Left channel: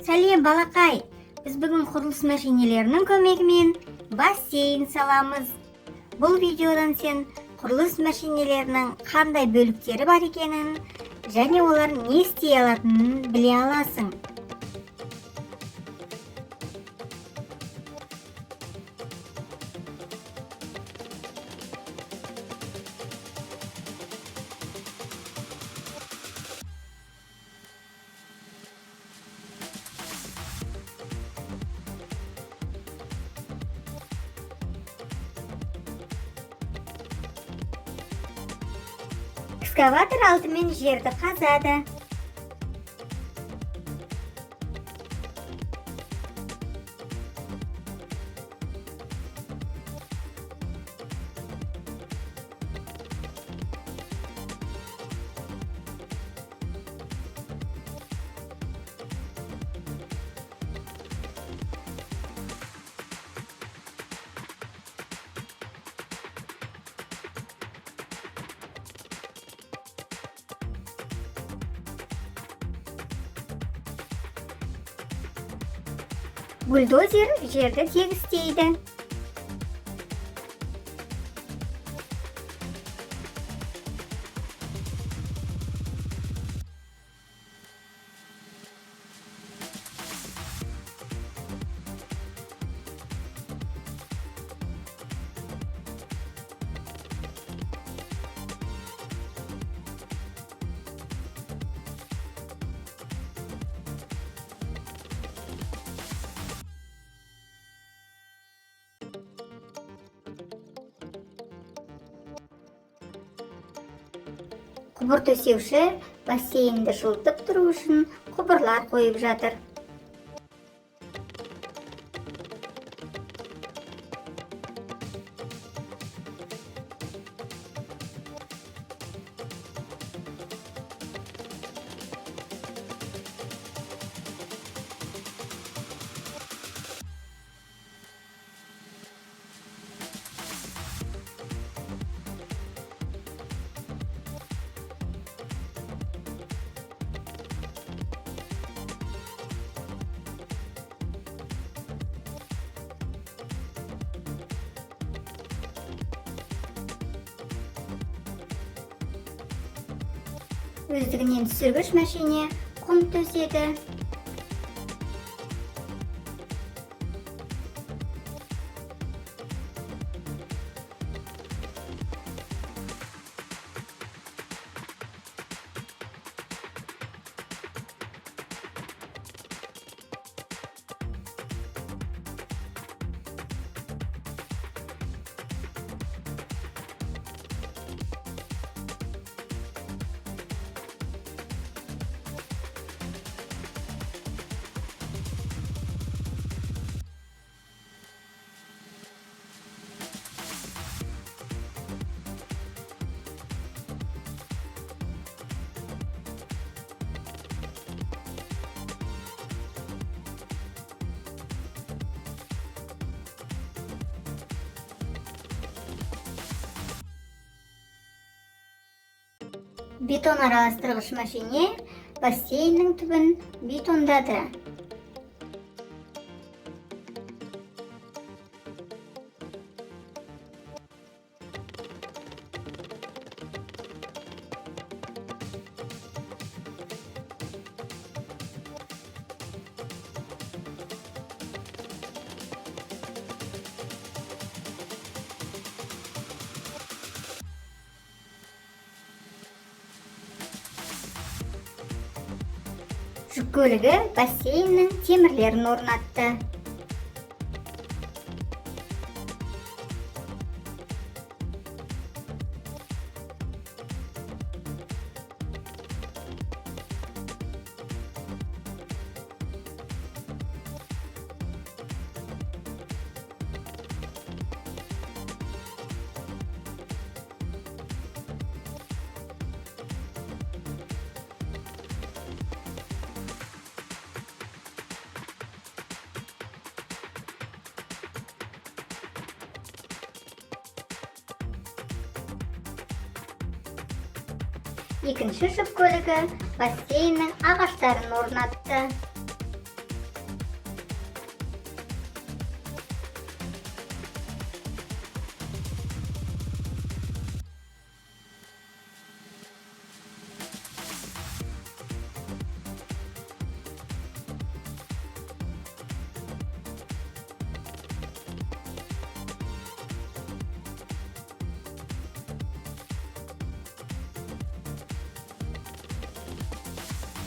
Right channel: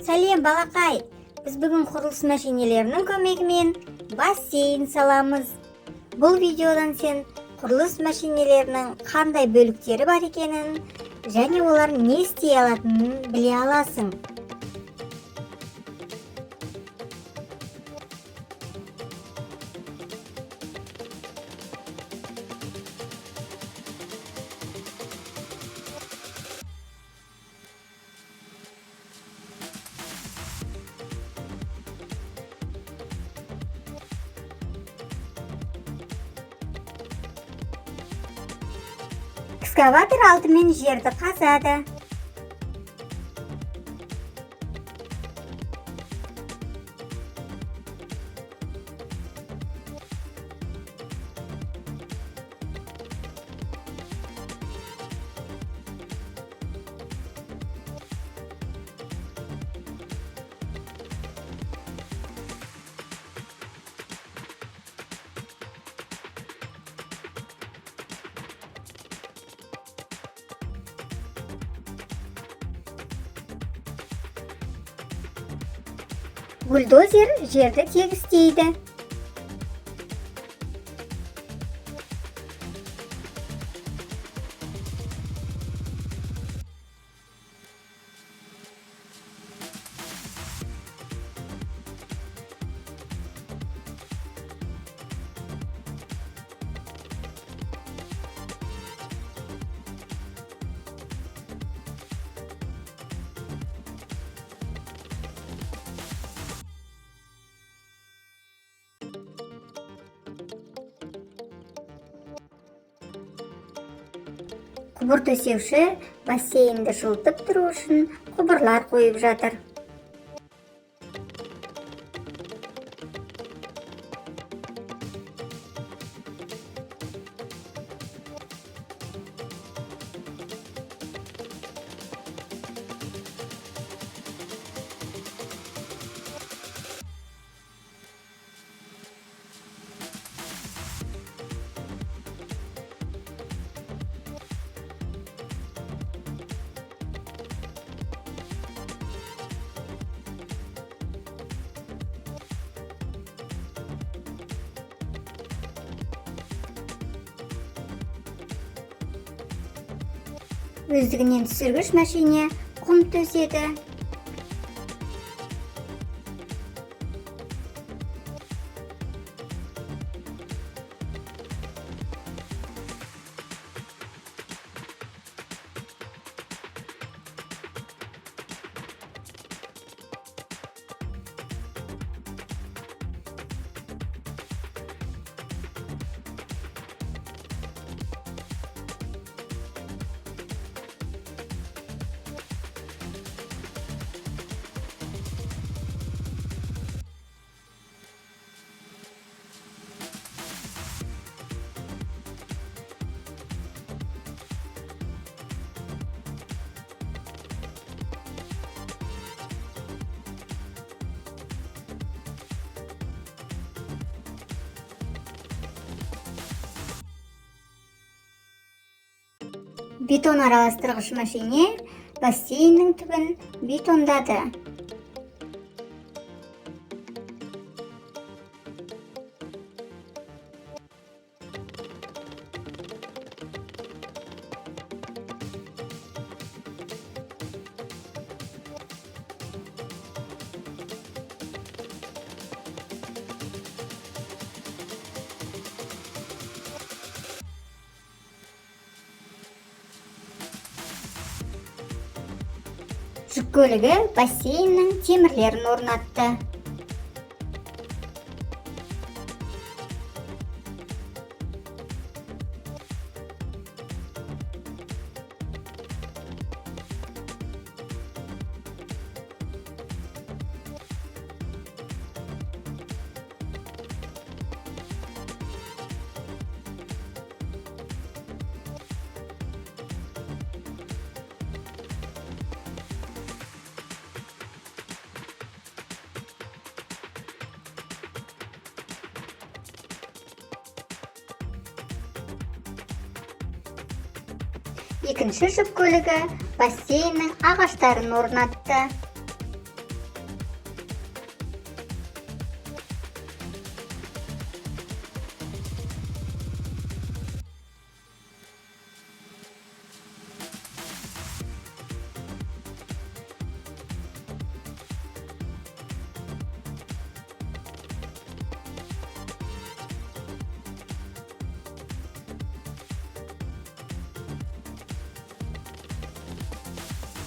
Сәлем балақай, біз бүгін құрылыс машинелерінің көмегімен бассейн саламыз. Бұл видеодан сен құрылыс машинелерінің қандай бөліктері бар екенін және олар не істей алатынын біле аласың. Экскаватор алдымен жерді қазады. Бульдозер жерді тегістейді. Құбыр төсеуші бассейнді жылытып тұру үшін құбырлар қойып жатыр. Өздігінен түсіргіш машине құм төседі. Бетон араластырғыш машине бассейннің түбін бетондады. Жүк көлігі бассейннің темірлерін орнатты. Екінші жүк көлігі бассейннің ағаштарын орнатты.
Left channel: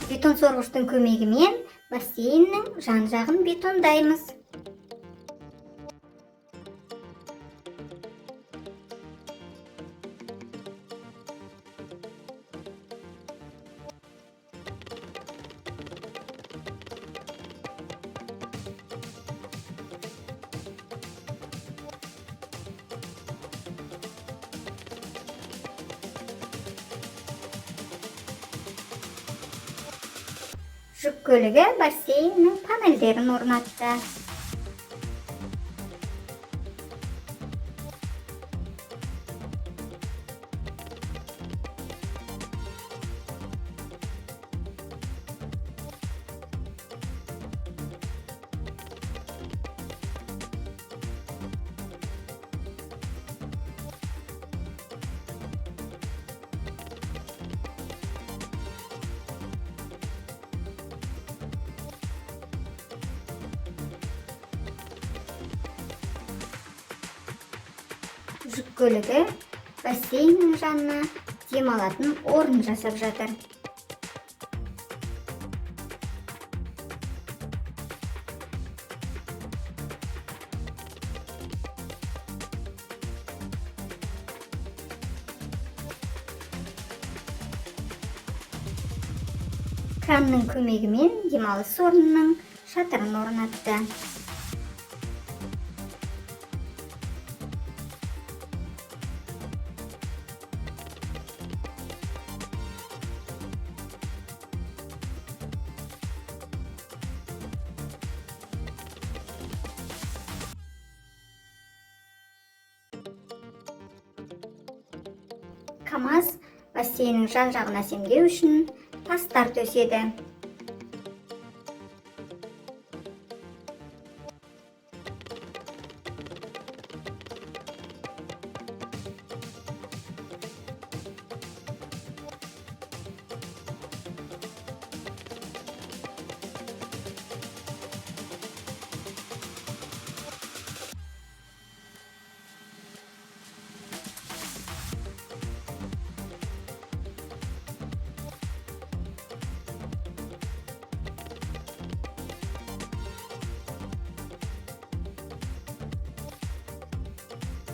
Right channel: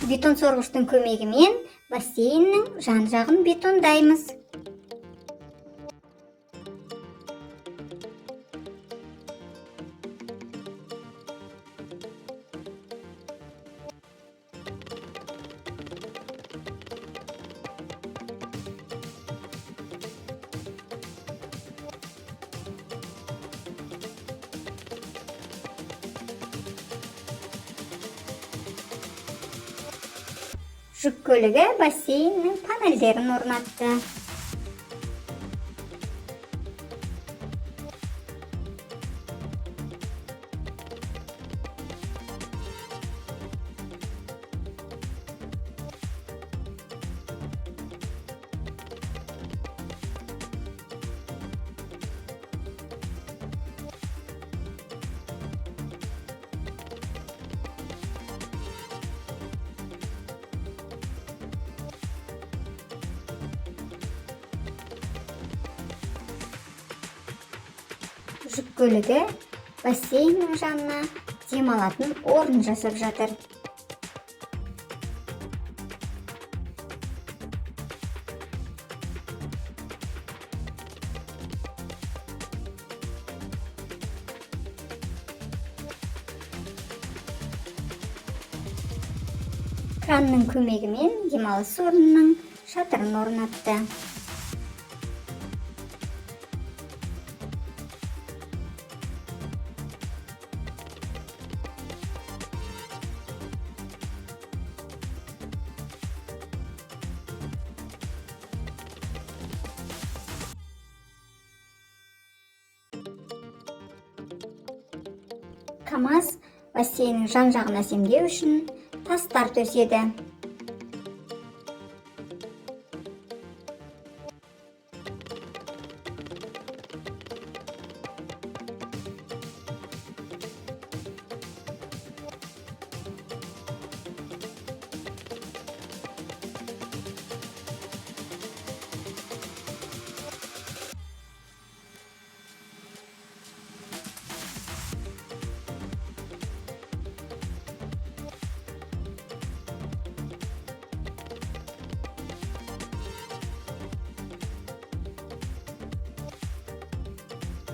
Бетон сорғыштың көмегімен бассейннің жан-жағын бетондаймыз. Жүк көлігі бассейннің панельдерін орнатты. Жүк көлігі бассейннің жанына демалатын орын жасап жатыр. Кранның көмегімен демалыс орнының шатырын орнатты. КамАЗ бассейннің жан-жағын әсемдеу үшін тастар төседі.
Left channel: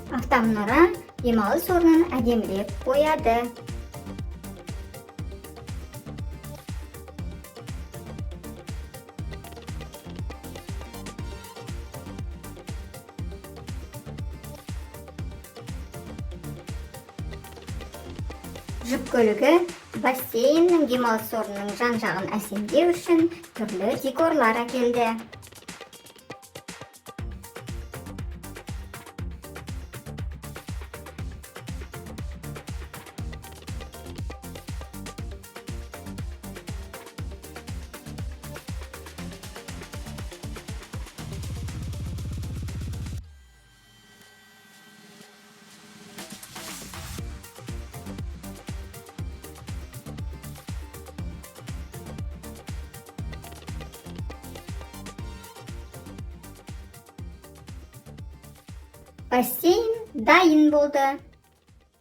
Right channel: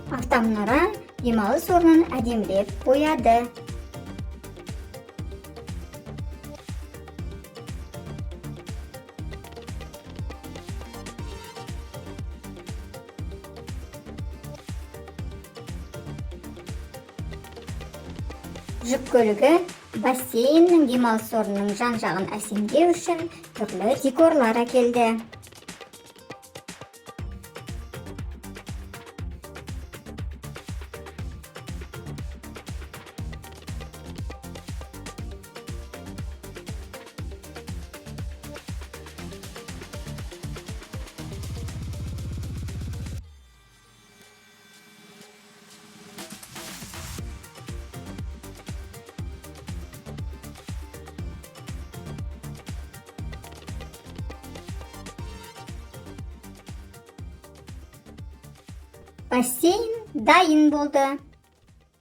Автомұнара демалыс орнын әдемілеп бояды. Жүк көлігі бассейннің демалыс орнының жан-жағын әсемдеу үшін түрлі декорлар әкелді. Бассейн дайын болды.